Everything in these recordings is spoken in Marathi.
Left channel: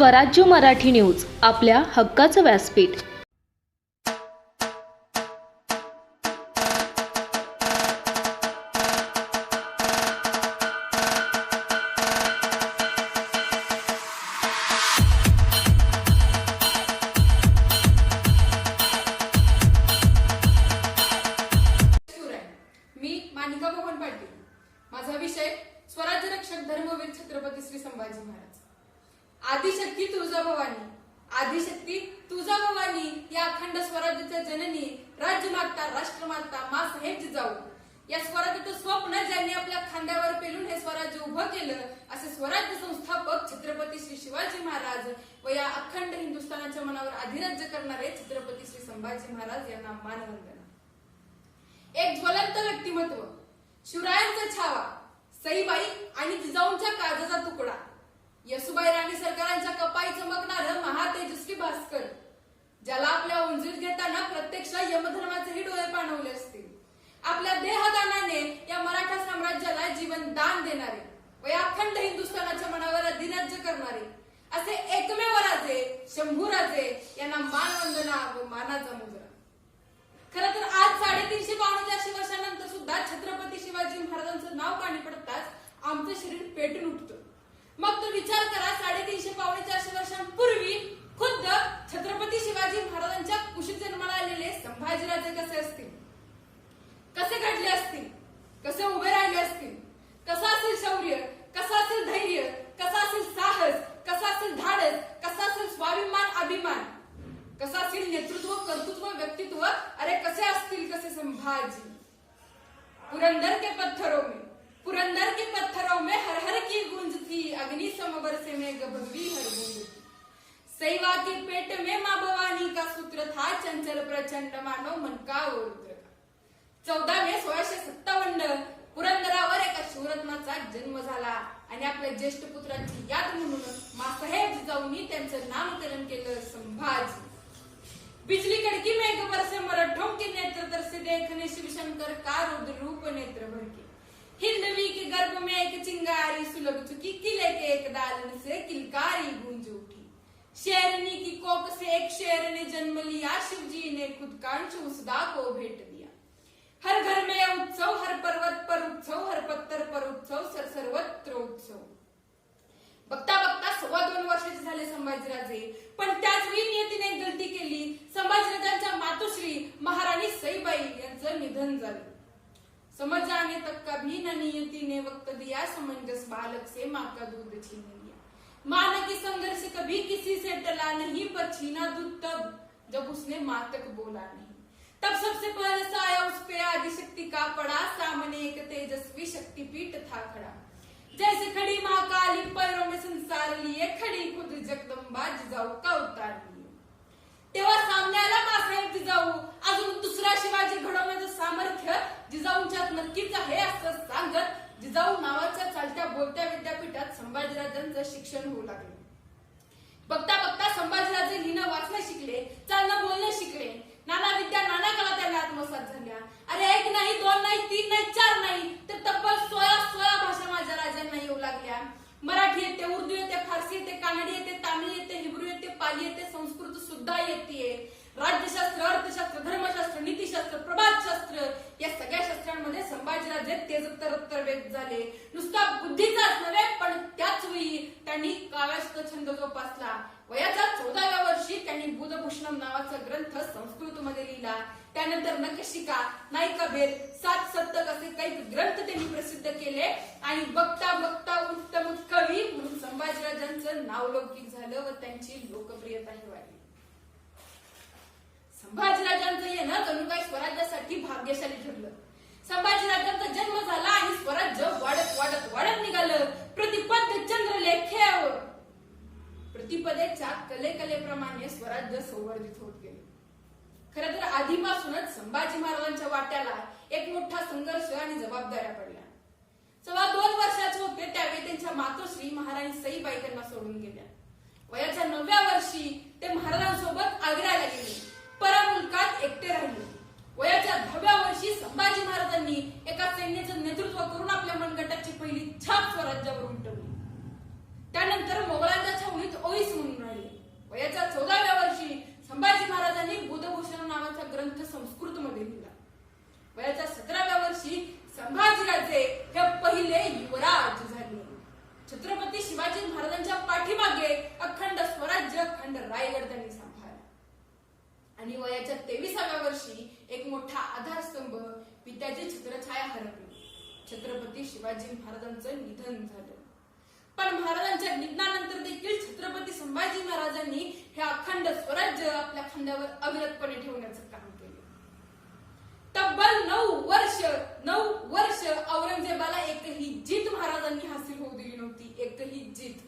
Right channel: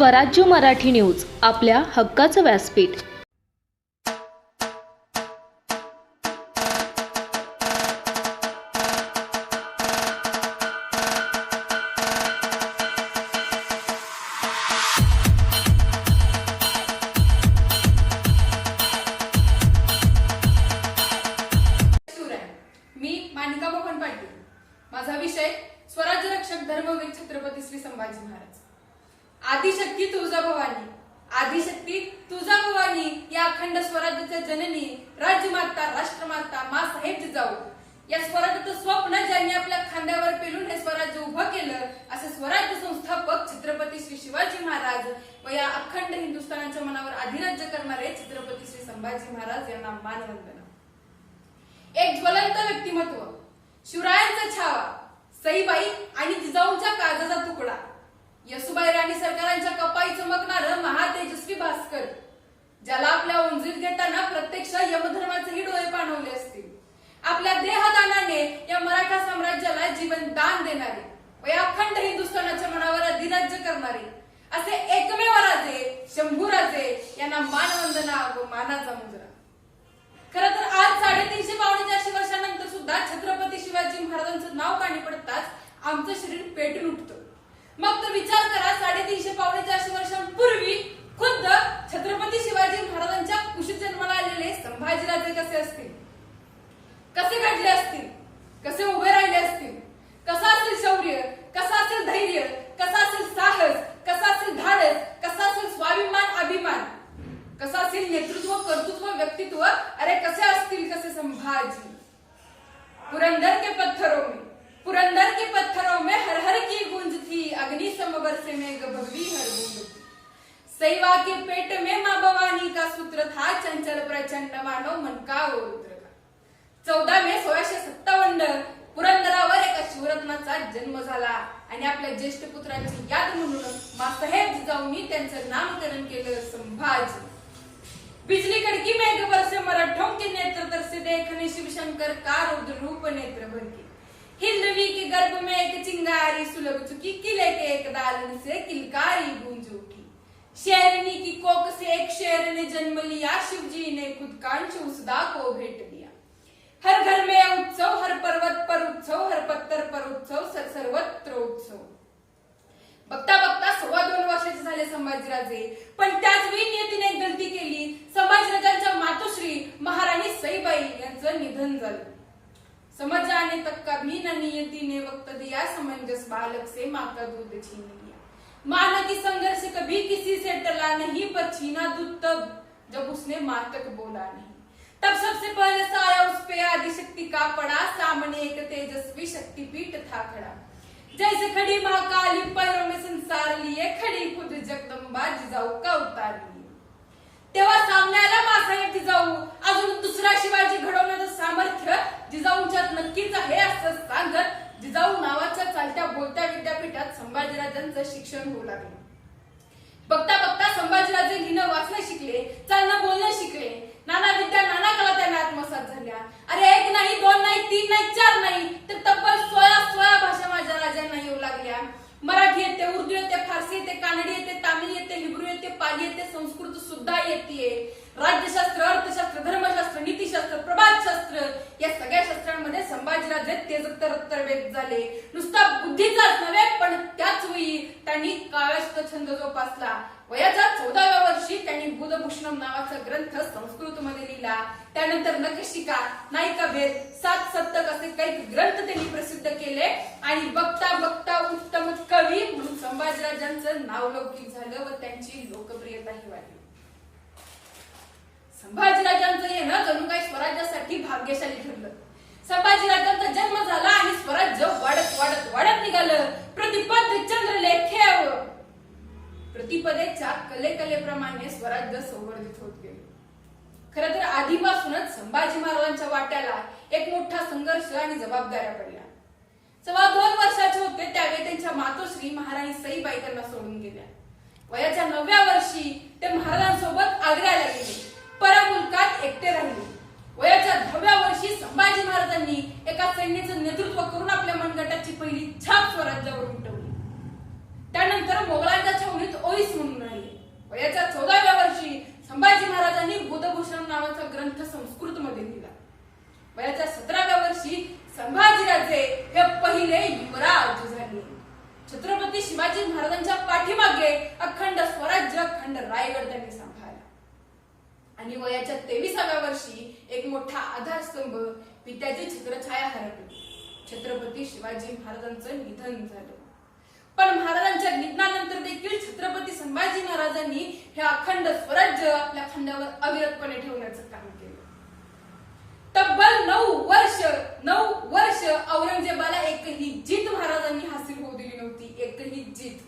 स्वराज्य मराठी न्यूज, आपल्या हक्काचं व्यासपीठ. मी मानिका मोहन पाटील. माझा विषय स्वराज्य रक्षक धर्मवीर छत्रपती श्री संभाजी महाराज. आदिशक्ती तुळजाभवानी, आदिशक्ती तुळजाभवानी या अखंड स्वराज्याच्या जननी, राज्यमाता, राष्ट्रमाता, माँसाहेब जिजाऊ या स्वराज्याचं स्वप्न ज्यांनी आपल्या खांद्यावर पेलून हे स्वराज्य उभं केलं, असे स्वराज्य संस्थापक छत्रपती श्री शिवाजी महाराज व या अखंड हिंदुस्थानाच्या मनावर अधिराज्य करणारे छत्रपती श्री संभाजी महाराज यांना मानवंदना. एक ज्वलंत व्यक्तिमत्व, शिवरायांचा छावा, सईबाई आणि जिजाऊंच्या काळजाचा तुकडा, येसुबाई राणी सरकारांच्या कपाई चमकणारं महातेजस्वी भास्कर, ज्याला आपल्या उंजीर घेताना प्रत्यक्ष यमधर्माचेही डोळे पाणवले असतील, आपल्या देहदानाने या मराठा साम्राज्याला जीवन दान देणारे व या अखंड हिंदुस्थानाच्या मनावर अधिराज्य करणारे असे एकमेव राजे शंभूराजे यांना मानवंदना व मानाचा मुजरा. खरं तर आज 350 पावणे 400 वर्षांनंतर सुद्धा छत्रपती शिवाजी महाराजांचं नाव कानी पडताच आमचं शरीर पेटून उठतं. मग तर विचार करा, 350 पावणे 400 वर्षांपूर्वी खुद्द छत्रपती शिवाजी महाराजांच्या कुशीत जन्माला आलेले संभाजीराजे कसे असतील, कसे घडले असतील, कसे उभे राहिले असतील, कसं असेल शौर्य, कसं असेल धैर्य, कसं असेल साहस, कसं असेल धाडस, कसं असेल स्वाभिमान, अभिमान, कसं असेल नेतृत्व, कर्तृत्व, व्यक्तित्व, अरे कसे असतील कसे संभाजी. पुरंदर के पत्थरों में, पुरंदर के पत्थरों में हर हर की गूंज थी, अग्नि सम बरसे में भगवी हर बूंद थी. सैवा के पेट में माँ भवानी का सूत्र था, चंचल प्रचंड मानो मन का वो रुद्र का. 14 मे 1657 पुरंदरावर एका शिवरत्नाचा जन्म झाला आणि आपल्या ज्येष्ठ पुत्रांची याद म्हणून माँसाहेब जिजाऊंनी त्यांचं नामकरण केलं संभाजी. बिजली कड़की मेघ बरसे मराठों के नेत्र तरसे, देखने शिवशंकर का रुद्र रूप नेत्र भर के. हिंदवी के गर्भ में एक चिंगारी सुलग चुकी, किले के एक दालन से किलकारी गूंज उठी. शेरनी की कोक से एक शेर ने जन्म लिया, शिवजी ने खुद कांच उस दा को भेंट दिया. हर घर में उत्सव, हर पर्वत पर उत्सव, हर पत्थर पर उत्सव, सर्वत्र उत्सव. बघता बघता 2.25 वर्षाचे झाले संभाजीराजे, पण त्याच वेळी नियतीने एक गलती केली. संभाजीराजांच्या मातोश्री महाराणी सईबाई यांचं निधन झालं. समझ जाने तक कभी न नियति ने वक्त दिया, समंजस बालक से माँ का दूध छीन लिया. माना कि संघर्ष कभी किसी से टला नहीं, पर छीना दूध तब जब उसने माँ तक बोला नहीं. तब सबसे पहले साया उस पे आदिशक्ति का पड़ा, सामने एक तेजस्वी शक्तिपीठ था खड़ा. जैसे खड़ी महाकाली पैरों में संसार लिए, खड़ी खुद जगदंबा जिजाऊ का उतार लिए. तेव्हा सामने आला माँसाहेब जिजाऊ. अजून दुसरा शिवाजी घडवण्याचं सामर्थ्य जिजाऊंच्यात नक्कीच आहे असं सांगत जिजाऊ नावाच्या चालत्या बोलत्या विद्यापीठात संभाजीराजांचं शिक्षण होऊ लागले. बघता बघता संभाजीराजे लिहिणं वाचणं शिकले, चालणं बोलणं शिकले. नाना विद्या नाना कला त्यांना आत्मसात झाल्या. अरे 1 नाही 2 नाही 3 नाही 4 नाही तर तब्बल 16 भाषा माझ्या राजांना येऊ लागल्या. मराठी येते, उर्दू येते, फारसी येते, कानडी येते, तामिळ येते, हिब्रू येते, पाली येते, संस्कृत सुद्धा येते. राज्यशास्त्र, अर्थशास्त्र, धर्मशास्त्र, नीतिशास्त्र, प्रभातशास्त्र या सगळ्या शास्त्रांमध्ये संभाजीराजे तेजतरवेद झाले. नुसता बुद्धीचाच नव्हे, पण त्याच वेळी त्यांनी काव्याष्ट छंद जोपासला. वयाच्या 14व्या वर्षी त्यांनी बुधभूषणम नावाचा ग्रंथ संस्कृतमध्ये लिहिला. त्यानंतर नखशिका, नायिका भेद, 7 सप्तक असे काही ग्रंथ त्यांनी प्रसिद्ध केले आणि बघता बघता उत्तम कवी म्हणून संभाजीराजांचं नाव लौकिक झालं व त्यांची लोकप्रियताही वाढली. संभाजीराजांचं येणं जणू काही स्वराज्यासाठी भाग्यशाली ठरलं. संभाजीराजांचा जन्म झाला आणि स्वराज्य वाढत वाढत वाढत निघालं. प्रतिपद चंद्रलेखेव, प्रतिपदेच्या कलेप्रमाणे स्वराज्य संवर्धित होत गेले. खरं तर आधीपासूनच संभाजी महाराजांच्या वाट्याला एक मोठा संघर्ष आणि जबाबदाऱ्या पडल्या. 2.25 वर्षाचे होते त्यावेळी त्यांच्या मातोश्री महाराणी सईबाई त्यांना सोडून गेल्या. वयाच्या 9व्या वर्षी ते महाराजांसोबत आग्र्याला गेले. परमुलकात एकटे राहिले. वयाच्या 10व्या वर्षी संभाजी महाराजांनी एका सैन्याचं नेतृत्व करून आपल्या मनगटाची पहिली छाप स्वराज्यावर उमटवली. त्यानंतर मोगलांच्या छावणीत ओईस म्हणून ग्रंथ संस्कृत मध्ये लिहिला. वयाच्या 17व्या वर्षी संभाजीराजे हे पहिले युवराज झाले. छत्रपती शिवाजी महाराजांच्या पाठीमागे अखंड स्वराज्य अखंड रायगड त्यांनी सांभाळला. आणि वयाच्या 23व्या वर्षी एक मोठा आधारस्तंभ पित्याची छत्रछाया हरपली. छत्रपती शिवाजी महाराजांचं निधन झालं. पण महाराजांच्या निधनानंतर देखील छत्रपती संभाजी महाराजांनी हे अखंड स्वराज्य आपल्या खांद्यावर अविरतपणे ठेवण्याचं काम केलं. तब्बल 9 वर्ष औरंगजेबाला एकही जीत महाराजांनी हासिल होऊ दिली नव्हती. एकही जीत.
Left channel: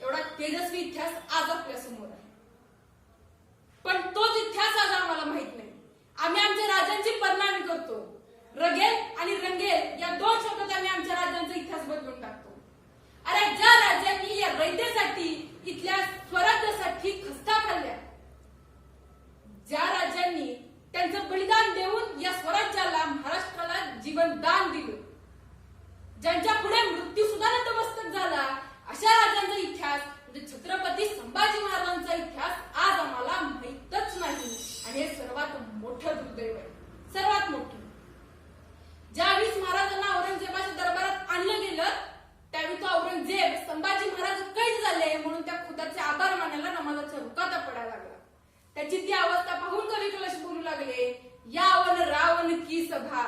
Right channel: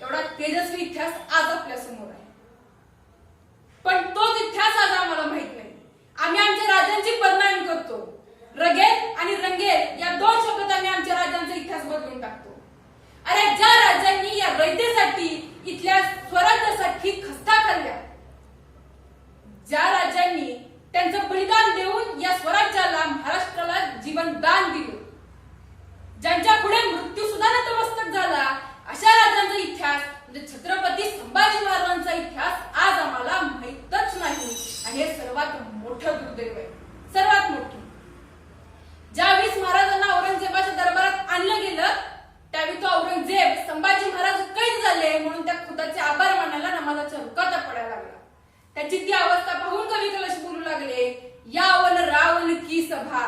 एवढा तेजस्वी इतिहास आज आपल्या समोर आहे. पण तोच इतिहास आज आम्हाला माहित नाही. आम्ही आमच्या राजांची बदनामी करतो. रगेल आणि रंगेल या 2 शब्दात आम्ही आमच्या राजांचा इतिहास बदलून टाकतो. अरे ज्या राजांनी या रयतेसाठी इथल्या स्वराज्यासाठी खस्ता खाल्ल्या, ज्या राजांनी त्यांचं बलिदान देऊन या स्वराज्याला महाराष्ट्राला जीवनदान दिलं, ज्यांच्या पुढे मृत्यू सुद्धा नतमस्तक झाला, अशा राजांचा इतिहास म्हणजे छत्रपती संभाजी महाराजांचा इतिहास आज आम्हाला माहीतच नाही. आणि हे सर्वात मोठं दुर्दैव आहे. सर्वात मोठं. ज्यावेळेस महाराजांना औरंगजेबाच्या दरबारात आणलं गेलं त्यावेळी तो औरंगजेब संभाजी महाराज कैद झाले म्हणून त्या खुदाचे आभार मानायला नमाजाच्या रुकाता पडायला लागला. त्याची ती अवस्था पाहून कवी कलश बोलू लागले, यावन रावण की सभा,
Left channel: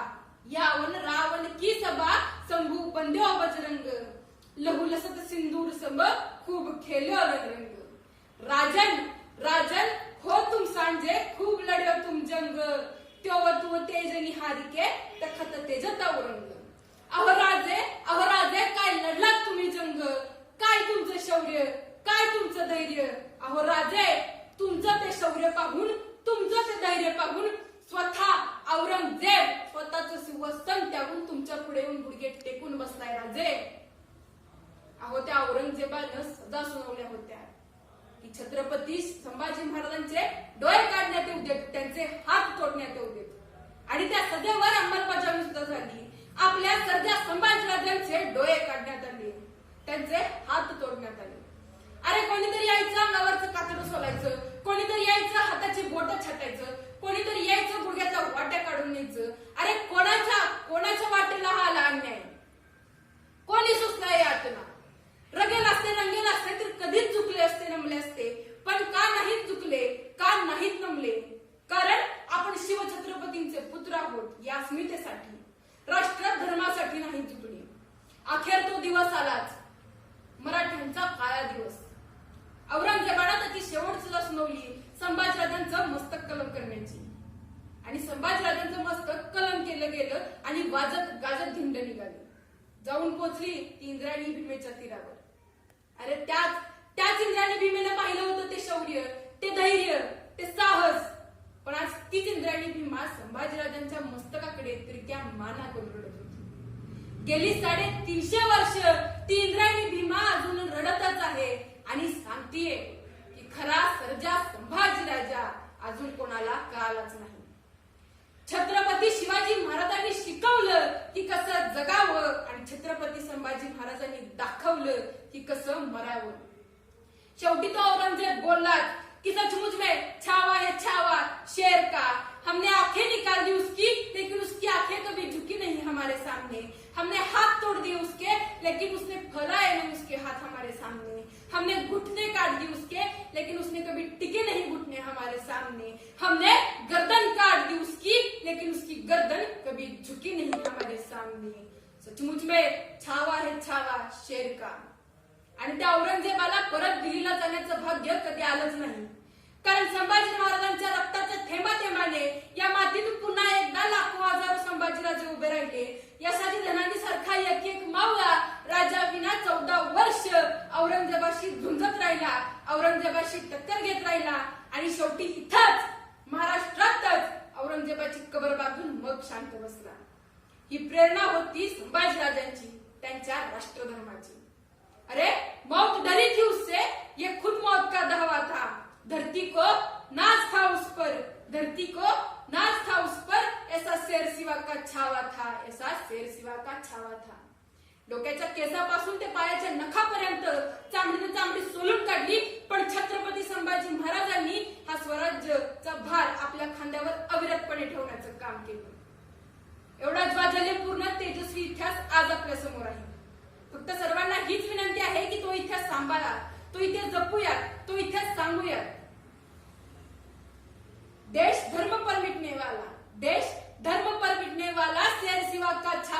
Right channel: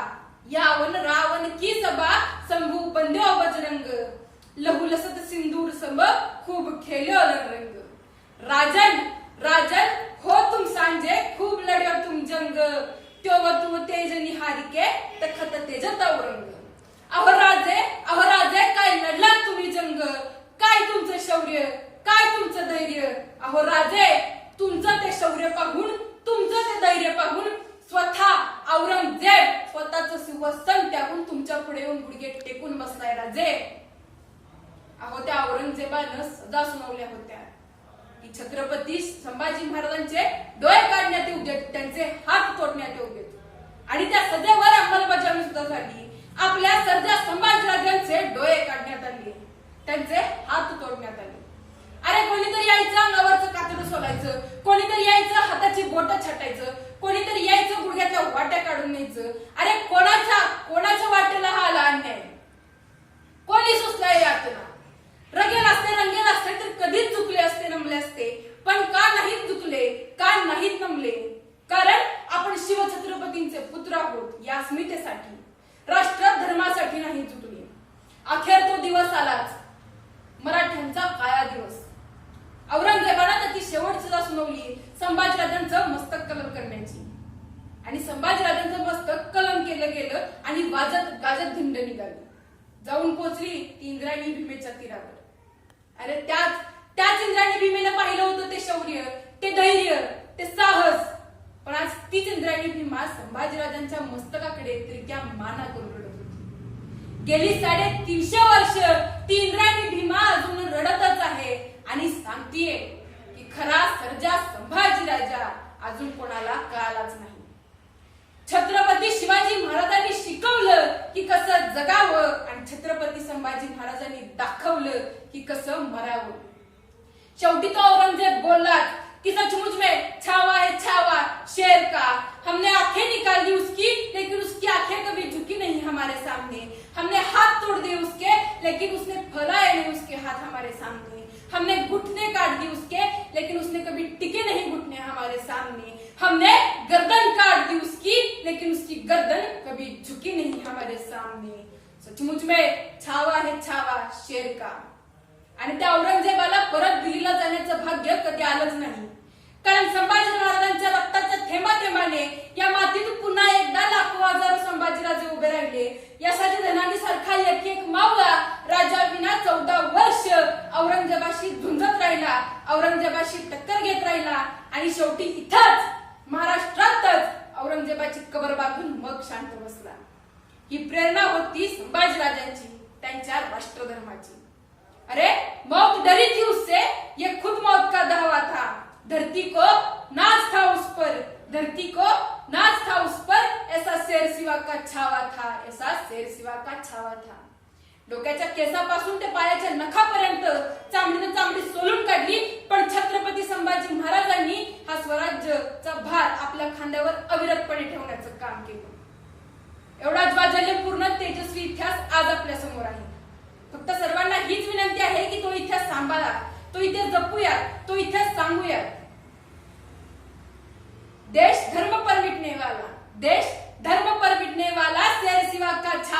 यावन रावण की सभा, शंभू बंद्यो बजरंग, लहू लसत सिंदूर संभ, खूब खेल्यो रंग. राजन राजन हो तुम सांजे, खूब लढ्यो तुम जंग, त्यो तुम तेज निहारिके तखत तेजत औरंग. अहो राजे काय लढलात तुम्ही जंग, काय तुमचं शौर्य, काय तुमचं धैर्य. अहो राजे तुमचं ते शौर्य पाहून, तुमचं ते धैर्य पाहून स्वतः औरंगजेब स्वतःचं सिंहासन त्यागून तुमच्या पुढे येऊन गुडघे टेकून बसलाय राजे. अहो त्या औरंगजेबानं सजा सुनावल्या होत्या की छत्रपती संभाजी महाराजांचे डोळे काढण्यात येऊ देत, त्यांचे हात तोडण्यात येऊ देत. आणि त्या सजेवर अंमलबजावणी सुद्धा झाली. आपल्या सरजा संभाजीराजांचे डोळे काढण्यात आले, त्यांचे हात तोडण्यात आले. अरे कोणीतरी यायचं अंगावरचं कातडं सोलायचं, कोणीतरी यायचं हाताची बोटं छाटायचं, कोणीतरी यायचं गुडघ्याच्या वाट्या काढून न्यायचं. अरे कोणाच्या वाटेला हा आला अन्याय? कोणी सुचलाय यातना? रगेल असते रंगेल असते तर कधीच चुकले असते, नमले असते. पण का नाहीत चुकले, का नाहीत नमले? कारण आपण शिवछत्रपतींचे पुत्र आहोत. या अस्मितेसाठी, राष्ट्र धर्मासाठी नाही चुकली. अखेर तो दिवस आलाच, मराठ्यांचा काळा दिवस. औरंगजेबाने त्याची शेवटची सजा सुनावली संभाजीराजांचं मस्तक कलम करण्याची. आणि संभाजीराजांचं मस्तक कलम केलं गेलं आणि वाजत गाजत धिंड निघाली. जाऊन पोहोचली इंद्रायणी भीमेच्या तीरावर. अरे त्याच इंद्रायणी भीमेनं पाहिलं होतं ते शौर्य, ते धैर्य, ते साहस. पण आज तीच इंद्रायणी भीमा संभाजीराजांच्या मस्तकाकडे तिरक्या माना करून रडत होती. गेली 350 वर्ष ती इंद्रायणी भीमा अजून रडतच आहे आणि सांगतीये की खरा सर्जा संभाजीराजा अजून कोणाला कळालाच नाही. छत्रपती शिवाजी महाराजांनी शिकवलं की कसं जगावं आणि छत्रपती संभाजी महाराजांनी दाखवलं की कसं मरावं. शेवटी तो औरंगजेब बोलला कि सचमुच में छावा है छावा शेर का, हमने आंखें निकाल दी उसकी लेकिन उसकी आंखें कभी झुकी नहीं हमारे सामने, हमने हाथ तोड़ दिए उसके लेकिन उसने फैलाए नहीं उसके हाथ हमारे सामने, हमने घुटने काट दी उसके लेकिन उसने कभी टिके नहीं घुटने हमारे सामने, हमने गर्दन काट दी उसकी लेकिन उसकी गर्दन कभी झुकी नहीं हमारे सामने. सचमुच में छावा है छावा शेर का. आणि त्या औरंगजेबाला परत दिल्लीला जाण्याचं भाग्य कधी आलंच नाही. कारण संभाजी महाराजांच्या रक्ताच्या थेंबाथेंबाने या मातीत पुन्हा एकदा लाखो हजारो संभाजीराजे उभे राहिले. यशाच्या धनानी सारखा एक एक मावळा राजा विना 14 वर्ष औरंगजेबाशी झुंजत राहिला, औरंगजेबाशी टक्कर घेत राहिला आणि शेवटी इथंच महाराष्ट्रातच औरंगजेबाची कबर बांधून मग शांत बसला. ही प्रेरणा होती संभाजीराजांची, त्यांच्या राष्ट्रधर्माची. अरे मौत डरी थी उससे, ये खुद मौत का धावा था. धरती को नाज था उस पर, धरती को नाज था उस पर, ऐसा शेर सिवा का छावा था, ऐसा शेर सिवा का छावा था. डोक्याच्या केसापासून ते पायाच्या नखापर्यंत चांबडीनं चांबडी सोलून काढली, पण छत्रपती संभाजी महाराजांनी हा स्वराज्याचा भार आपल्या खांद्यावर अविरतपणे ठेवण्याचं काम केलं. एवढा ज्वाजल्यपूर्ण तेजस्वी इतिहास आज आपल्या समोर आहे. फक्त सर्वांना हीच विनंती आहे की तो इतिहास सांभाळा, तो इतिहास जपूया, तो इतिहास सांगूया. देश धर्म पर मिटने वाला, देश धर्म पर मिटने वाला, शेर सिवा का छाप